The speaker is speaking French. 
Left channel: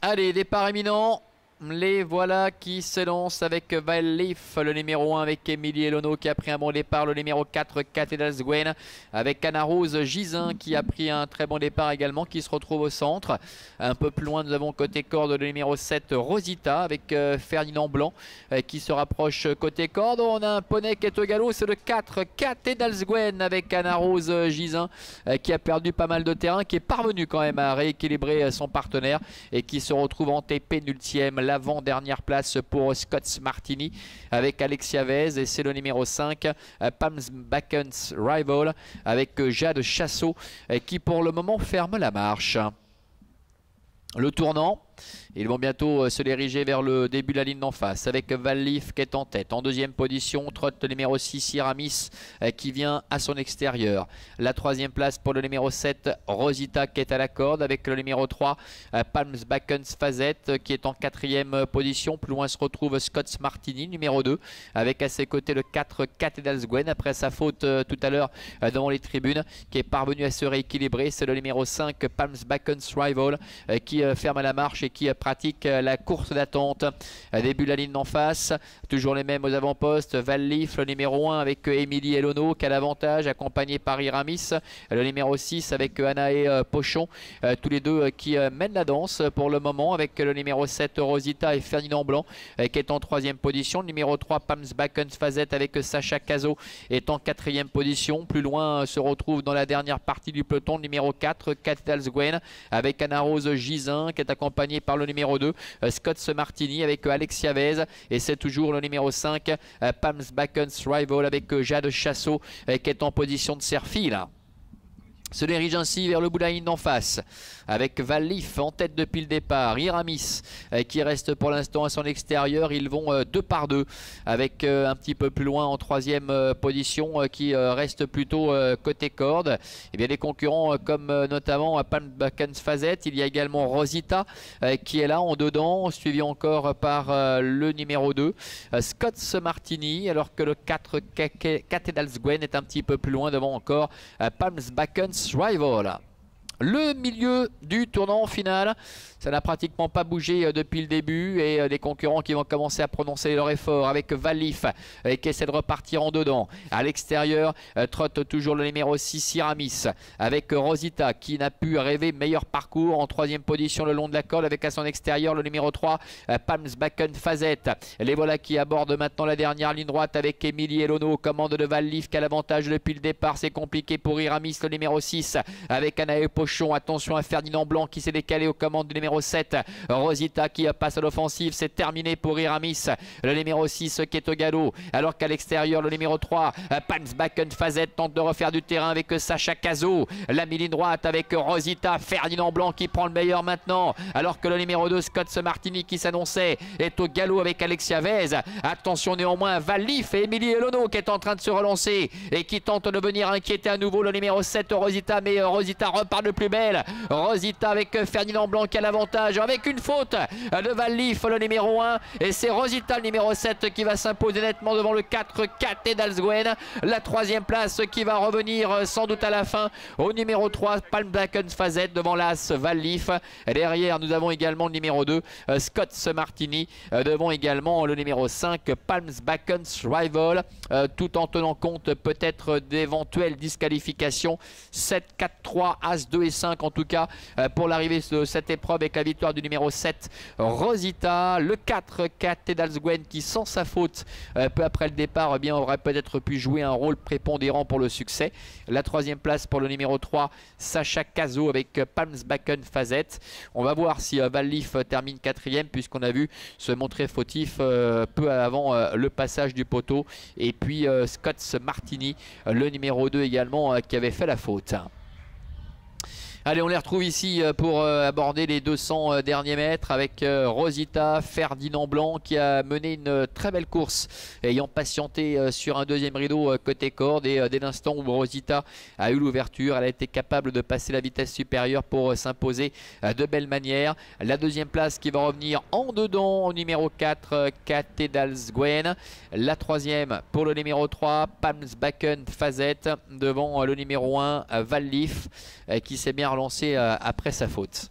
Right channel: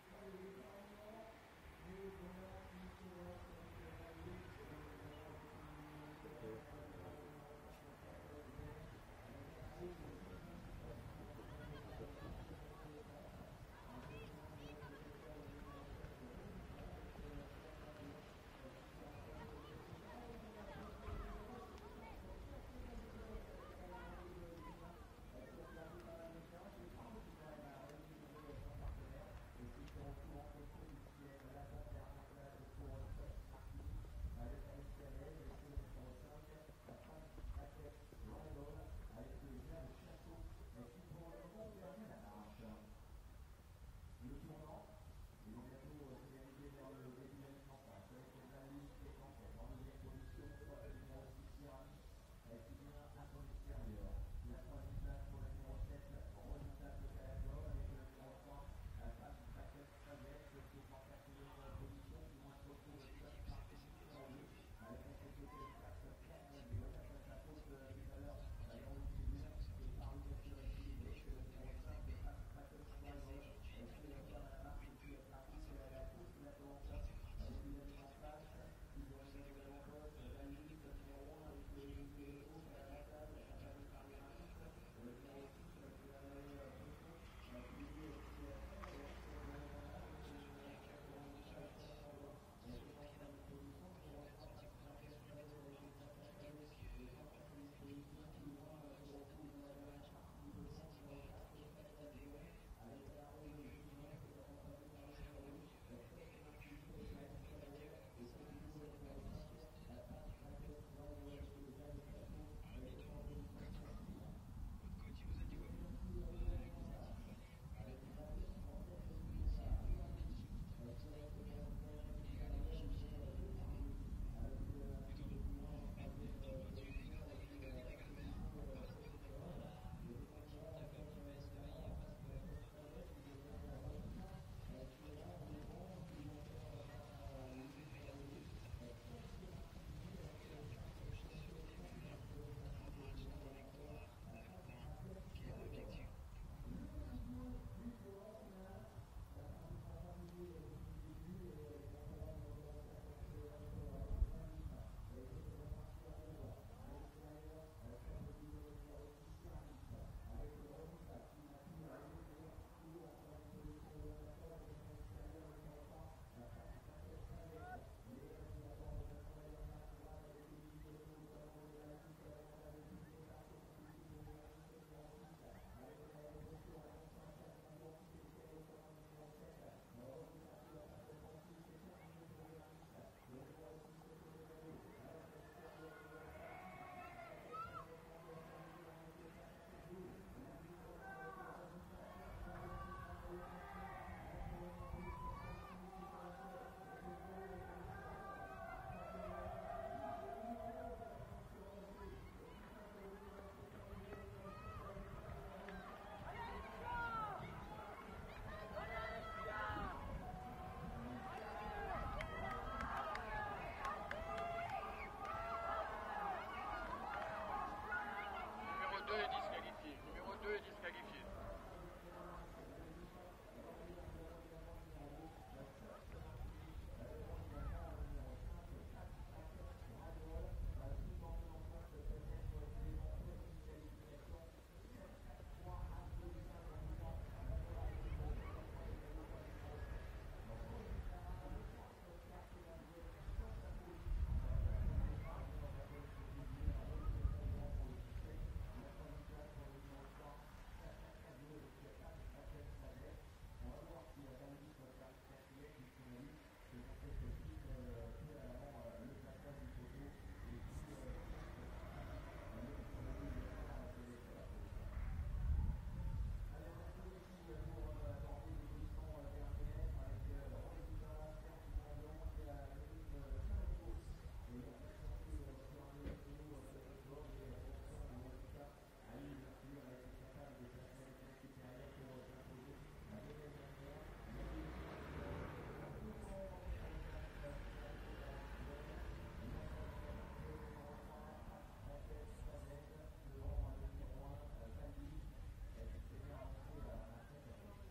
Allez, départ imminent. Les voilà qui s'élancent avec Valleaf, le numéro 1 avec Émilie Elono qui a pris un bon départ. Le numéro 4, Cathedral Gwen avec Anna Rose Gisin qui a pris un très bon départ également, qui se retrouve au centre. Un peu plus loin, nous avons côté corde le numéro 7, Rosita avec Ferdinand Blanc qui se rapproche côté corde. On a un poney qui est au galop, c'est le 4, Cathedral Gwen avec Anna Rose Gisin qui a perdu pas mal de terrain, qui est parvenu quand même à rééquilibrer son partenaire et qui se retrouve en TP nultième. L'avant-dernière place pour Scott Martini avec Alexia Vez, et c'est le numéro 5, Palms Backens Rival avec Jade Chassot qui pour le moment ferme la marche. Le tournant, ils vont bientôt se diriger vers le début de la ligne d'en face avec Valleaf qui est en tête. En deuxième position, trotte le numéro 6, Iramis qui vient à son extérieur. La troisième place pour le numéro 7, Rosita qui est à la corde avec le numéro 3, Palms Backens Fazette qui est en quatrième position. Plus loin se retrouve Scott Martini, numéro 2, avec à ses côtés le 4, Cathedral Gwen après sa faute tout à l'heure devant les tribunes, qui est parvenu à se rééquilibrer. C'est le numéro 5, Palms Backens Rival qui ferme la marche et qui pratique la course d'attente. Début de la ligne d'en face, toujours les mêmes aux avant-postes. Valleaf, le numéro 1 avec Émilie Elono qui a l'avantage, accompagné par Iramis. Le numéro 6 avec Anaé Pochon, tous les deux qui mènent la danse pour le moment, avec le numéro 7 Rosita et Ferdinand Blanc qui est en troisième position. Le numéro 3 Palms Backens Fazette avec Sacha Cazot est en quatrième position. Plus loin se retrouve dans la dernière partie du peloton le numéro 4, Cathedral Gwen avec Anna Rose Gisin qui est accompagné par le numéro 2, Scott Martini avec Alexia Vez, et c'est toujours le numéro 5, Palms Backens Rival avec Jade Chassot qui est en position de serre-file. Se dirige ainsi vers le bout de la ligne d'en face avec Valleaf en tête depuis le départ. Iramis qui reste pour l'instant à son extérieur. Ils vont deux par deux avec un petit peu plus loin en troisième position qui reste plutôt côté corde. Et bien les concurrents comme notamment Palm Backens Fazette. Il y a également Rosita qui est là en dedans, suivi encore par le numéro 2 Scott Martini, alors que le 4 Cathedral Gwen est un petit peu plus loin devant encore Palms Backens Rival. Le milieu du tournant final, ça n'a pratiquement pas bougé depuis le début, et des concurrents qui vont commencer à prononcer leur effort avec Valleaf qui essaie de repartir en dedans. À l'extérieur, trotte toujours le numéro 6 Iramis avec Rosita qui n'a pu rêver meilleur parcours en troisième position le long de la corde, avec à son extérieur le numéro 3 Palms Backens Fazette. Les voilà qui abordent maintenant la dernière ligne droite avec Émilie Elono, commande de Valleaf qui a l'avantage depuis le départ. C'est compliqué pour Iramis, le numéro 6 avec Anaé Pochon. Attention à Ferdinand Blanc qui s'est décalé aux commandes du numéro 7 Rosita qui passe à l'offensive. C'est terminé pour Iramis, le numéro 6 qui est au galop, alors qu'à l'extérieur le numéro 3 Palms Backens Fazette tente de refaire du terrain avec Sacha Cazot. La ligne droite avec Rosita, Ferdinand Blanc qui prend le meilleur maintenant, alors que le numéro 2 Scott Martini qui s'annonçait est au galop avec Alexia Vez. Attention néanmoins Valleaf et Émilie Elono qui est en train de se relancer et qui tente de venir inquiéter à nouveau le numéro 7 Rosita, mais Rosita repart de plus belle. Rosita avec Ferdinand Blanc qui a l'avantage, avec une faute de Valleaf le numéro 1, et c'est Rosita le numéro 7 qui va s'imposer nettement devant le 4 Cathedral Gwen. La troisième place qui va revenir sans doute à la fin au numéro 3 Palm Backens Fazette devant l'As Valleaf. Derrière nous avons également le numéro 2 Scott Martini devant également le numéro 5 Palms Backens Rival, tout en tenant compte peut-être d'éventuelles disqualifications. 7, 4, 3, As 2 et 5 en tout cas pour l'arrivée de cette épreuve, avec la victoire du numéro 7 Rosita. Le 4 Cathedral Gwen qui sans sa faute peu après le départ eh bien, aurait peut-être pu jouer un rôle prépondérant pour le succès. La troisième place pour le numéro 3 Sacha Cazot avec Palms Backens Fazette. On va voir si Valleaf termine quatrième, puisqu'on a vu se montrer fautif peu avant le passage du poteau, et puis Scott Martini le numéro 2 également qui avait fait la faute. Allez, on les retrouve ici pour aborder les 200 derniers mètres avec Rosita, Ferdinand Blanc qui a mené une très belle course, ayant patienté sur un deuxième rideau côté corde, et dès l'instant où Rosita a eu l'ouverture, elle a été capable de passer la vitesse supérieure pour s'imposer de belle manière. La deuxième place qui va revenir en dedans au numéro 4 Cathedral Gwen. La troisième pour le numéro 3 Palms Backens Fazette devant le numéro 1 Valleaf qui s'est bien relancé après sa faute.